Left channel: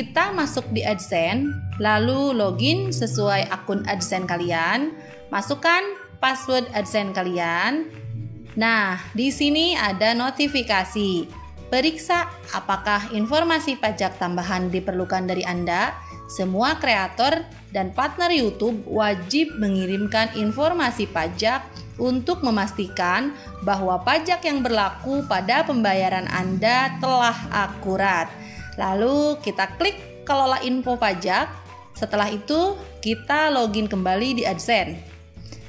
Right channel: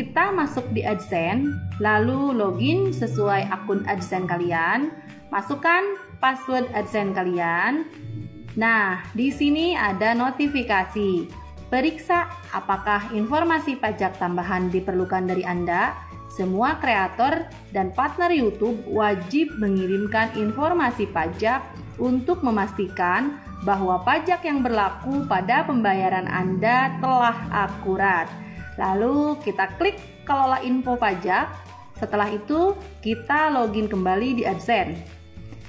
kita masuk di AdSense, lalu login sesuai akun AdSense kalian, masukkan password AdSense kalian. Nah, di sini ada notifikasi. Periksa apakah informasi pajak tambahan diperlukan dari Anda. Semua kreator dan partner YouTube wajib mengirimkan informasi pajak untuk memastikan bahwa pajak yang berlaku pada pembayaran Anda telah akurat. Lalu kita klik kelola info pajak. Setelah itu kita login kembali di AdSense.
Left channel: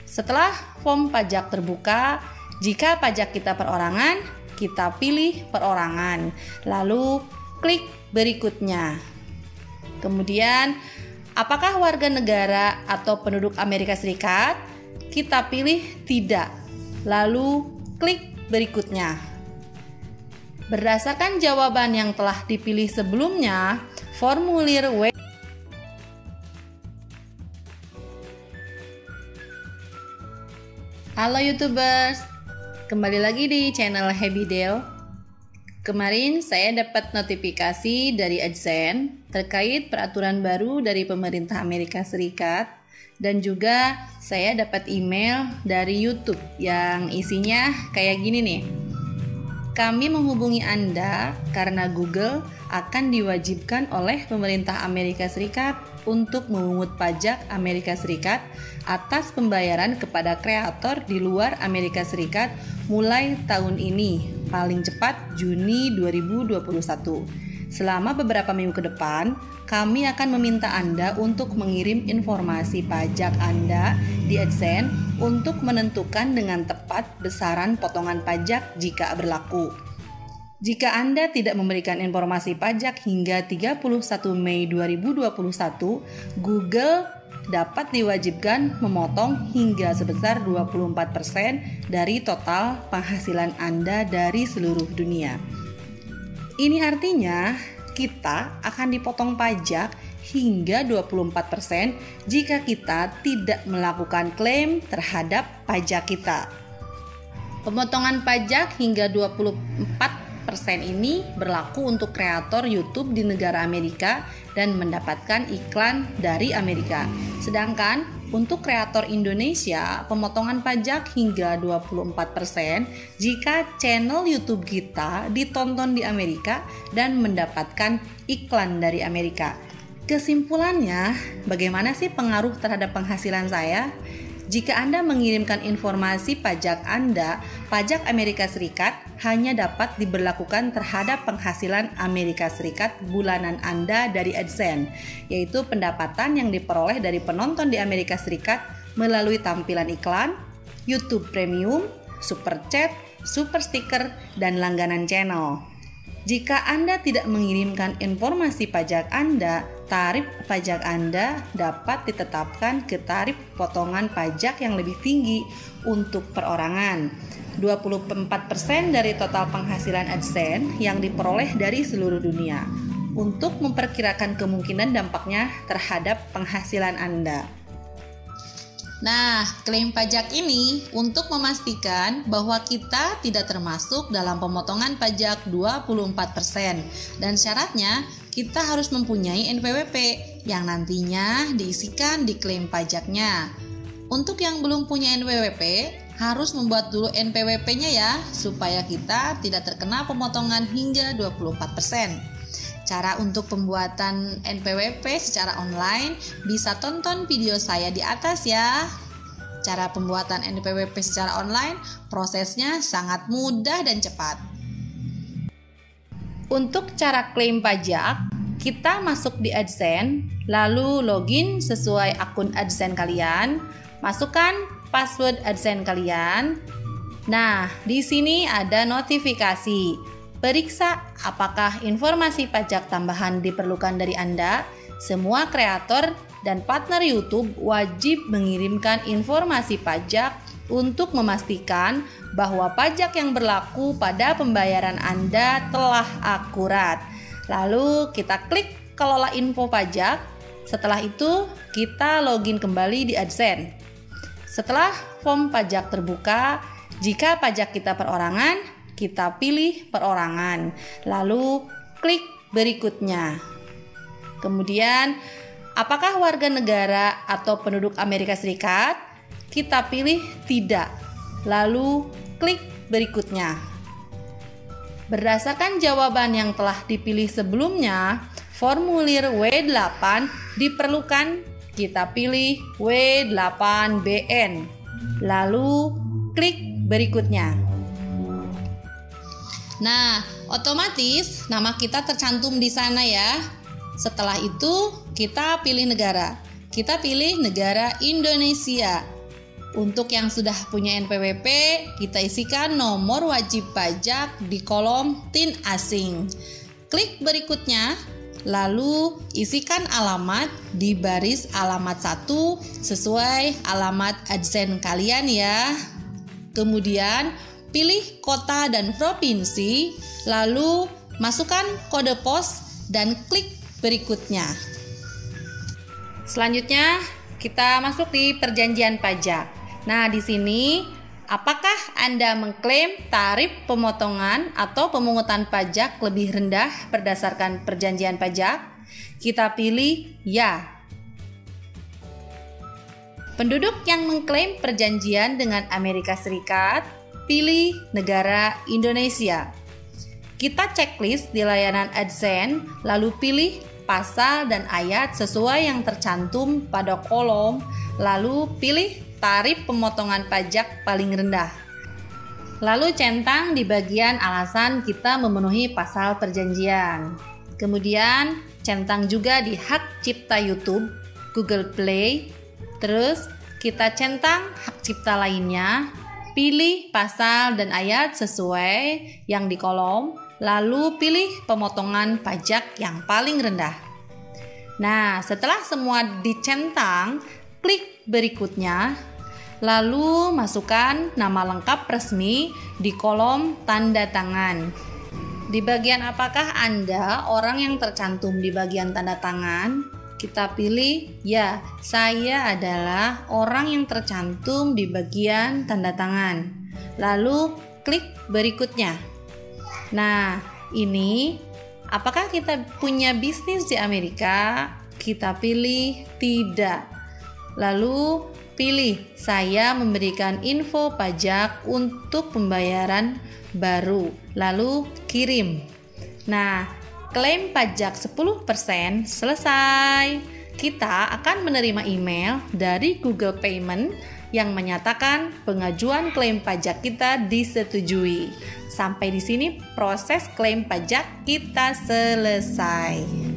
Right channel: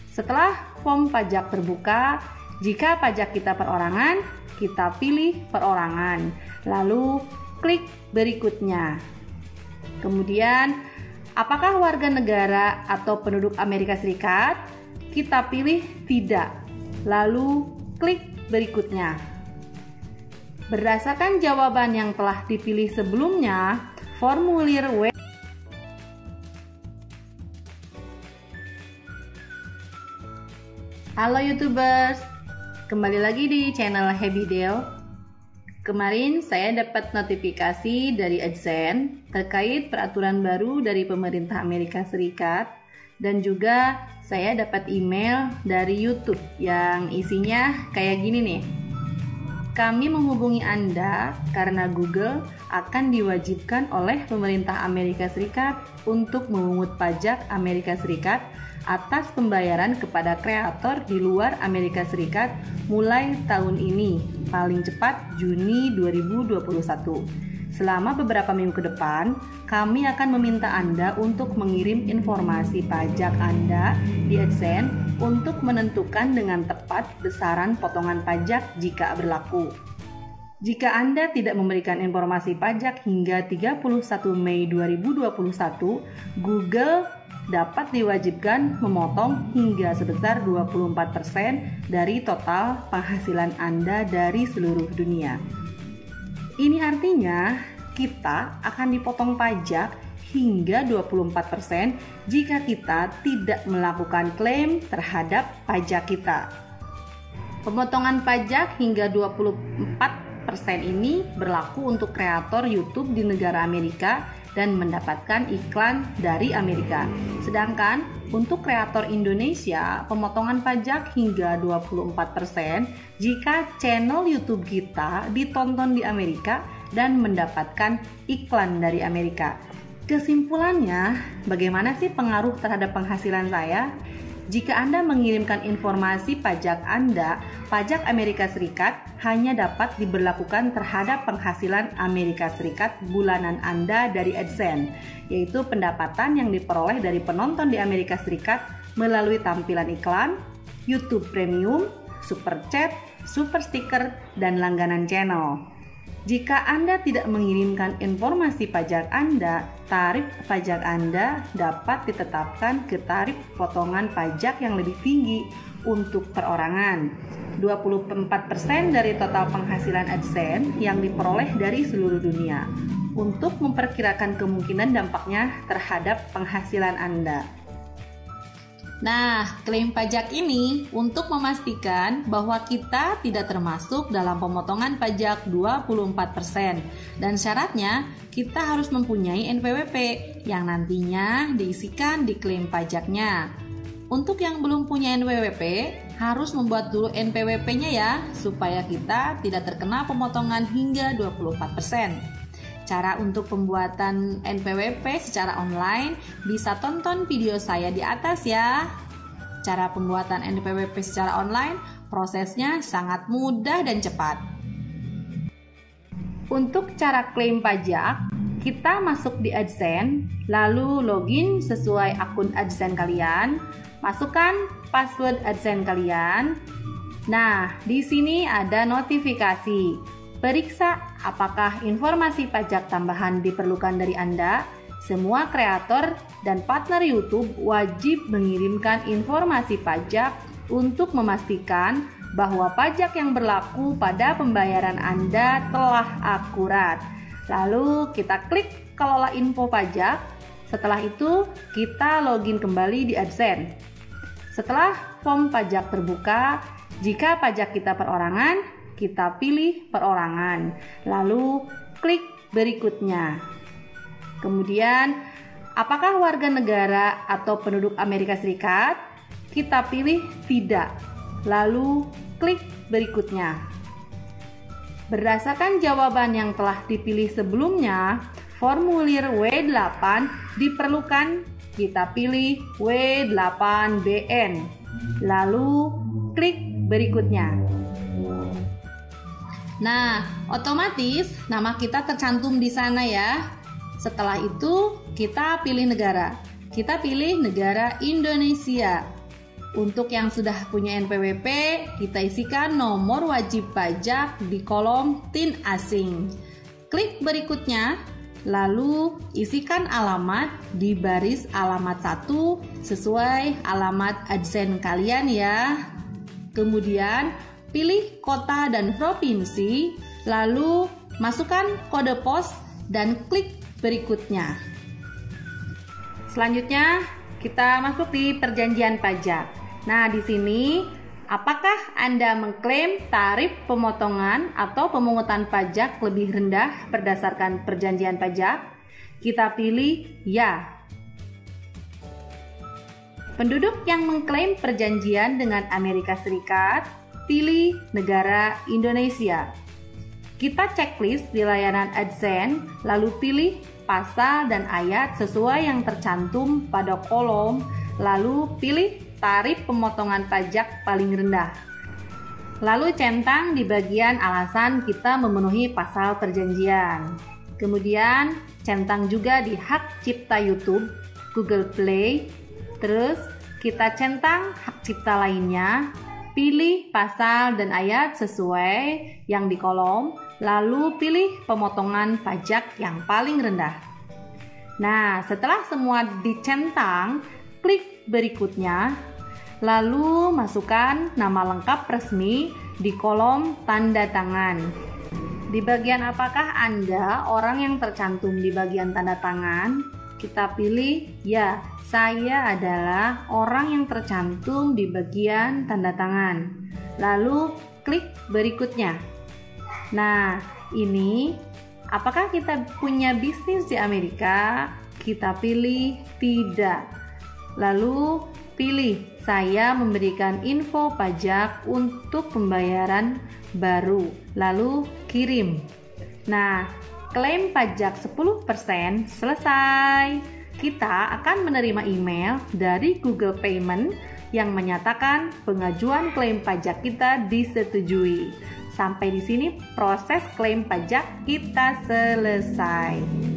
Setelah form pajak terbuka, jika pajak kita perorangan, kita pilih perorangan. Lalu klik berikutnya. Kemudian, apakah warga negara atau penduduk Amerika Serikat? Kita pilih tidak. Lalu klik berikutnya. Berdasarkan jawaban yang telah dipilih sebelumnya, formulir W. Halo YouTubers, kembali lagi di channel Happy Dale. Kemarin saya dapat notifikasi dari AdSense terkait peraturan baru dari pemerintah Amerika Serikat, dan juga saya dapat email dari YouTube yang isinya kayak gini nih. Kami menghubungi Anda karena Google akan diwajibkan oleh pemerintah Amerika Serikat untuk memungut pajak Amerika Serikat atas pembayaran kepada kreator di luar Amerika Serikat mulai tahun ini, paling cepat Juni 2021. Selama beberapa minggu ke depan, kami akan meminta Anda untuk mengirim informasi pajak Anda di AdSense untuk menentukan dengan tepat besaran potongan pajak jika berlaku. Jika Anda tidak memberikan informasi pajak hingga 31 Mei 2021, Google dapat diwajibkan memotong hingga sebesar 24% dari total penghasilan Anda dari seluruh dunia. Ini artinya kita akan dipotong pajak hingga 24% jika kita tidak melakukan klaim terhadap pajak kita. Pemotongan pajak hingga 24% ini berlaku untuk kreator YouTube di negara Amerika dan mendapatkan iklan dari Amerika. Sedangkan untuk kreator Indonesia, pemotongan pajak hingga 24% jika channel YouTube kita ditonton di Amerika dan mendapatkan iklan dari Amerika. Kesimpulannya, bagaimana sih pengaruh terhadap penghasilan saya? Jika Anda mengirimkan informasi pajak Anda, pajak Amerika Serikat hanya dapat diberlakukan terhadap penghasilan Amerika Serikat bulanan Anda dari AdSense, yaitu pendapatan yang diperoleh dari penonton di Amerika Serikat melalui tampilan iklan, YouTube Premium, Super Chat, Super Sticker, dan langganan channel. Jika Anda tidak mengirimkan informasi pajak Anda, tarif pajak Anda dapat ditetapkan ke tarif potongan pajak yang lebih tinggi untuk perorangan. 24% dari total penghasilan AdSense yang diperoleh dari seluruh dunia untuk memperkirakan kemungkinan dampaknya terhadap penghasilan Anda. Nah, klaim pajak ini untuk memastikan bahwa kita tidak termasuk dalam pemotongan pajak 24% dan syaratnya kita harus mempunyai NPWP yang nantinya diisikan di klaim pajaknya. Untuk yang belum punya NPWP, harus membuat dulu NPWP-nya ya, supaya kita tidak terkena pemotongan hingga 24%. Cara untuk pembuatan NPWP secara online bisa tonton video saya di atas ya. Cara pembuatan NPWP secara online prosesnya sangat mudah dan cepat. Untuk cara klaim pajak, kita masuk di AdSense, lalu login sesuai akun AdSense kalian, masukkan password AdSense kalian. Nah, di sini ada notifikasi. Periksa apakah informasi pajak tambahan diperlukan dari Anda. Semua kreator dan partner YouTube wajib mengirimkan informasi pajak untuk memastikan bahwa pajak yang berlaku pada pembayaran Anda telah akurat. Lalu kita klik kelola info pajak. Setelah itu kita login kembali di AdSense. Setelah form pajak terbuka, jika pajak kita perorangan, kita pilih perorangan, lalu klik berikutnya. Kemudian, apakah warga negara atau penduduk Amerika Serikat? Kita pilih tidak. Lalu klik berikutnya. Berdasarkan jawaban yang telah dipilih sebelumnya, formulir W8 diperlukan. Kita pilih W8BN. Lalu klik berikutnya. Nah, otomatis nama kita tercantum di sana ya. Setelah itu, kita pilih negara. Kita pilih negara Indonesia. Untuk yang sudah punya NPWP, kita isikan nomor wajib pajak di kolom TIN asing. Klik berikutnya, lalu isikan alamat di baris alamat 1 sesuai alamat adsen kalian ya. Kemudian, pilih kota dan provinsi, lalu masukkan kode pos dan klik berikutnya. Selanjutnya, kita masuk di perjanjian pajak. Nah, di sini apakah Anda mengklaim tarif pemotongan atau pemungutan pajak lebih rendah berdasarkan perjanjian pajak? Kita pilih ya. Penduduk yang mengklaim perjanjian dengan Amerika Serikat, pilih negara Indonesia. Kita checklist di layanan adsen, lalu pilih pasal dan ayat sesuai yang tercantum pada kolom, lalu pilih tarif pemotongan pajak paling rendah. Lalu centang di bagian alasan kita memenuhi pasal perjanjian. Kemudian centang juga di hak cipta YouTube, Google Play. Terus kita centang hak cipta lainnya, pilih pasal dan ayat sesuai yang di kolom, lalu pilih pemotongan pajak yang paling rendah. Nah, setelah semua dicentang, klik berikutnya, lalu masukkan nama lengkap resmi di kolom tanda tangan. Di bagian apakah Anda orang yang tercantum di bagian tanda tangan? Kita pilih ya, saya adalah orang yang tercantum di bagian tanda tangan. Lalu klik berikutnya. Nah, ini apakah kita punya bisnis di Amerika? Kita pilih tidak. Lalu pilih saya memberikan info pajak untuk pembayaran baru. Lalu kirim. Nah, klaim pajak 10% selesai. Kita akan menerima email dari Google Payment yang menyatakan pengajuan klaim pajak kita disetujui. Sampai di sini proses klaim pajak kita selesai.